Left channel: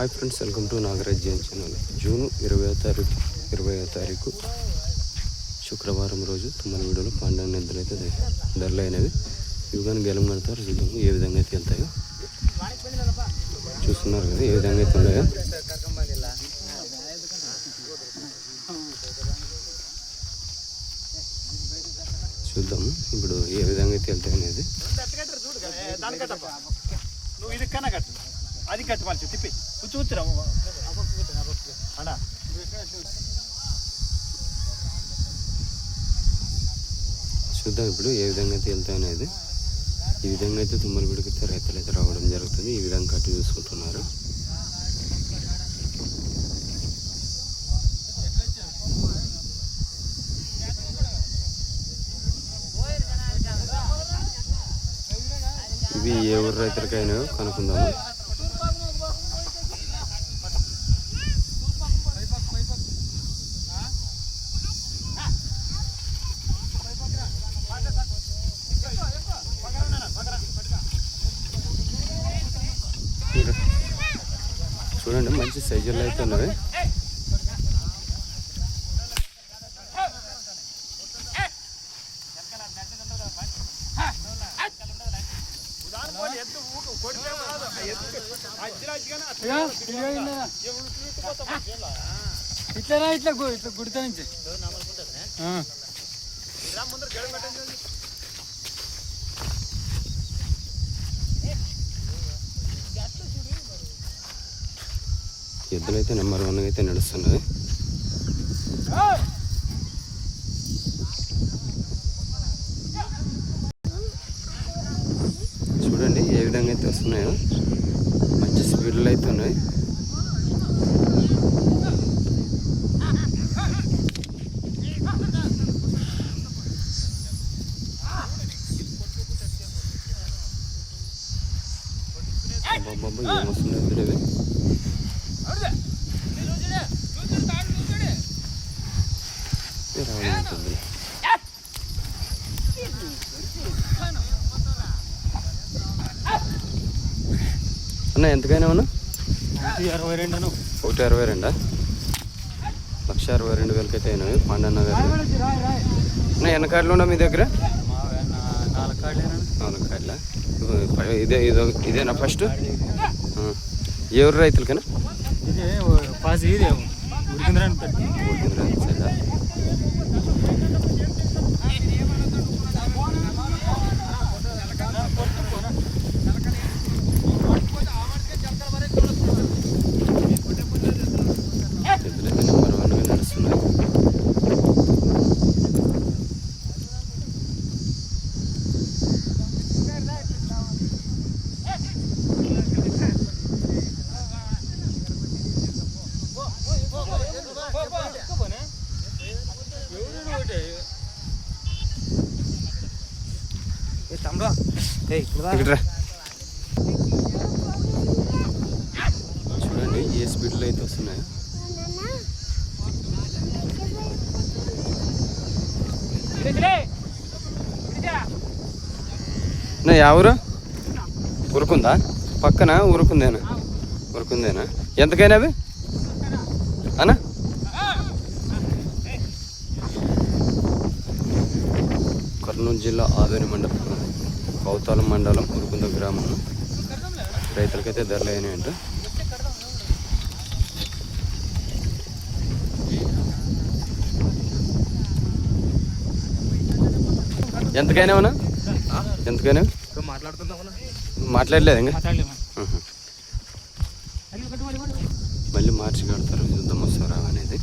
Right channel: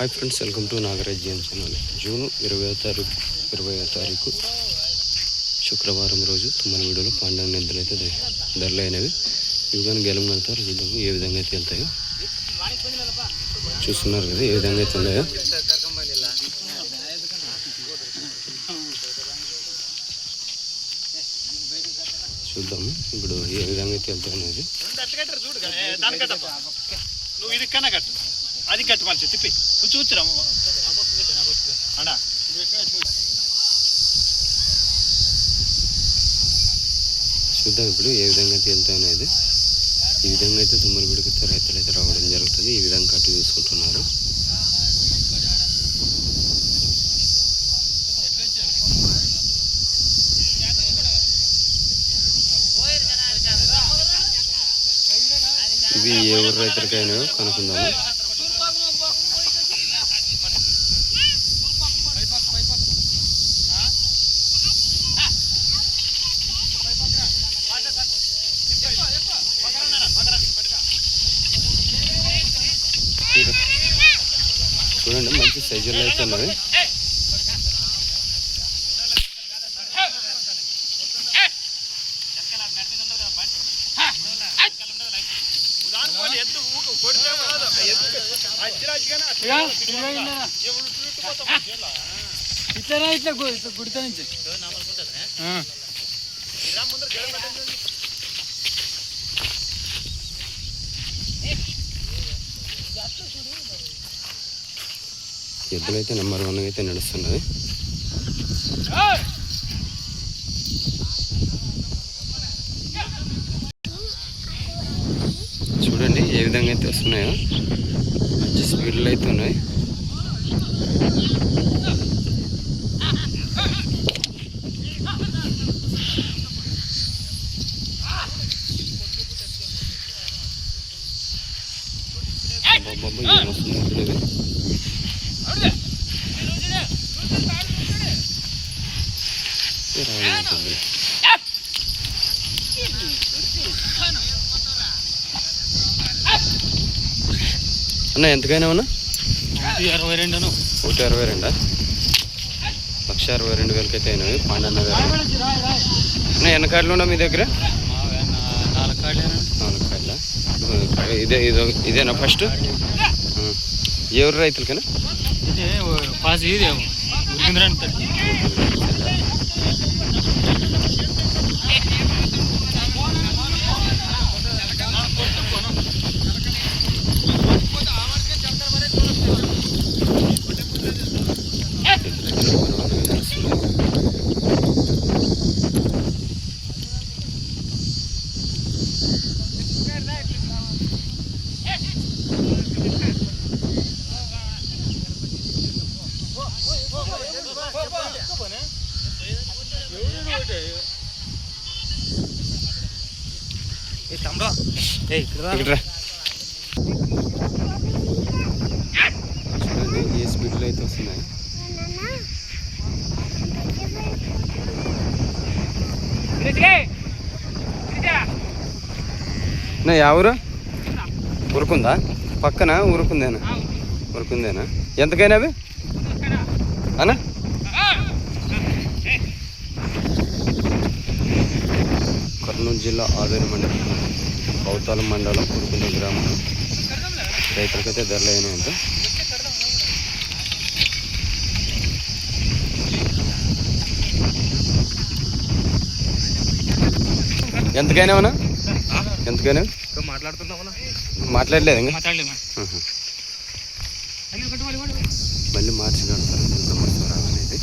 Hi friends, welcome to Nagaraj channel. June 20వ తారీఖు శుక్రవారం రోజు తుమ్మలగూడలో పాండవ నిద్రలు అయితే ధరలు అయినవి. ఇవి కానీ గెలం కడతారు. చూద్దాము ఏ విధంగా అయితే వెళ్తాయో. చూస్తున్నారు కదా ఏ విధంగా అయితే ఉన్నాయో. చూద్దాము ఇప్పుడు ఏ విధంగా అయితే వెళ్తాయి అనేది. అది కట్టు మనిషి తిప్పి కూర్చోవచ్చురాము చూద్దాం ఇప్పుడు ఏ విధంగా అయితే వెళ్తాయి అనేది. ఈ విధంగా అయితే తుమ్మలగూడకి రైతులు అయితే రావడం జరుగుతుంది. ఈ విధంగా కట్టు చూసుకుంటున్నారు. ఇవి ఏ ఊరు రైతులకైనా కనుక్కుందాము. చూడండి మంచి సైజుల్లో అయితే ఉన్నది. ఇట్లా గుడిత నుంచి ఎద్దులైతే నెంబర్ 1 అయితే నడుస్తున్నది. చూడండి ఏ విధంగా అయితే వస్తున్నాయో. మంచి స్పీడ్లో అయితే ఉన్నాయి. బాబు ఏమొస్తుంది ఎద్దులు ఇవి. రావడం ఉంటుంది. అన్న ఎంతకైనా ఉన్నా 162. 162 1,62,000 అయితే అయినవి. పాండన్న గారు అన్న ఎన్ని కార్డులు ఉన్నా మీ దగ్గర? 4 కార్డులా? ఇదేనా ఫస్ట్? ఎవరు రైతులకైనా? ఇక్కడ చూడండి ఏ స్పీడ్లో అయితే వస్తున్నాయి. ఎవరు ఉరుకుందా? పక్కన ఉరుకుందేనా? ఎంతకైనా అవి అన్నా? కర్నూలు జిల్లా ఆవేరి మండలం కౌతాలం మండలం కురుకుంద గ్రామంలో రైతులకైతే ధరలు అయినాయంట. ఎంతకైనా ఉన్నా? ఎంతకైనా మాట్లాడలేదు ఇంకా. మళ్ళీ మార్చి కడతారు. చూద్దాం వస్తారా అనేది.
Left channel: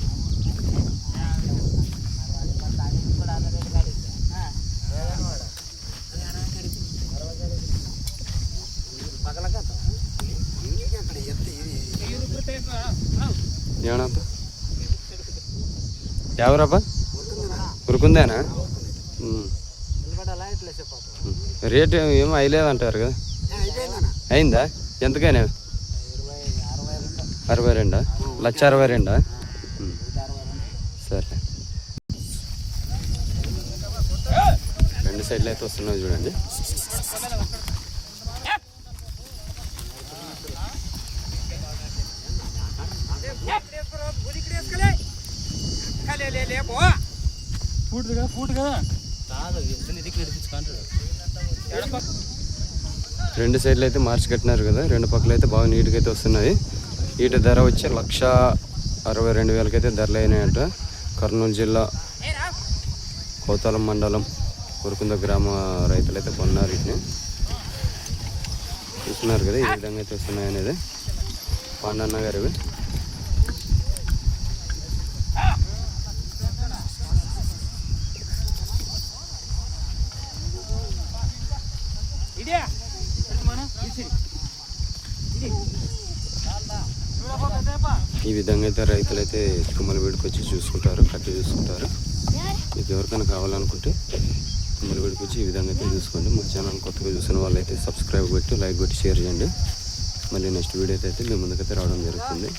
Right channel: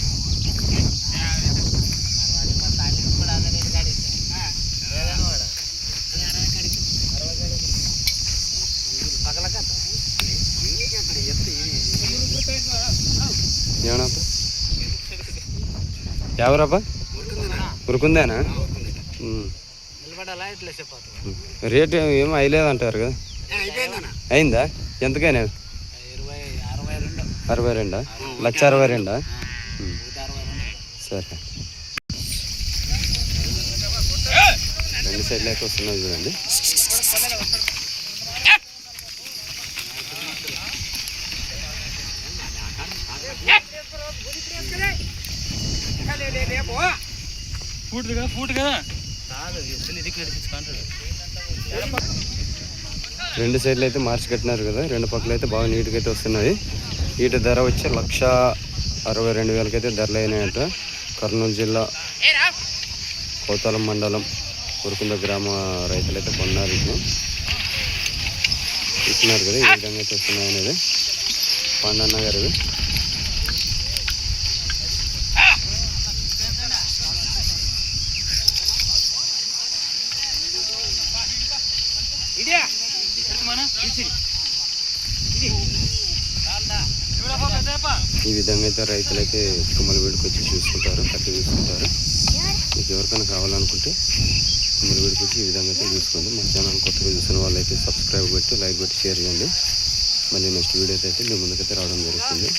ఏమన్నాప్ప ఎవరప్ప? ఉరుకుందేనా? రేట్ ఏమో అయ్యలేదు అంటారు కదా. అయిందా? ఎంతకైనా? 62. 1,62. సరే. 2 సైడ్లు అయితే వస్తున్నాయి చూడండి. ఫూట్ కదా రెండు సైడ్లు అయితే మార్చి కట్టినారు కదా, రెండు పక్కల అయితే బాగా నీట్గా అయితే వస్తున్నాయి. వీటి ధర వచ్చి 1,62,000 అయితే ధరలు అయినాయంట. కర్నూలు జిల్లా కోతాలం మండలం ఉరుకుంద గ్రామ రైతులు అయితే కొన్నారు. వీటిని చూస్తున్నారు కదా ఈ విధంగా అయితే వస్తున్నాయి అనేది పాండన్న గారివి. ఈ విధంగా అయితే రైతులు అయితే తుమ్మలవీడికి వచ్చి చూసుకుంటారు, కట్టి చూసుకుంటారు. మీకు ఎవరికైనా కావాలనుకుంటే తుమ్మలవీడికి వచ్చి ఈ విధంగా అయితే చూసుకోండి. మా ఛానల్ కొత్తగా చూసిన వాళ్ళు అయితే సబ్స్క్రైబ్ పెట్టి లైక్ పెట్టి షేర్ చేయండి. మళ్ళీ నెక్స్ట్ వీడియో అయితే మీ ముందుకైతే రావడం జరుగుతుంది.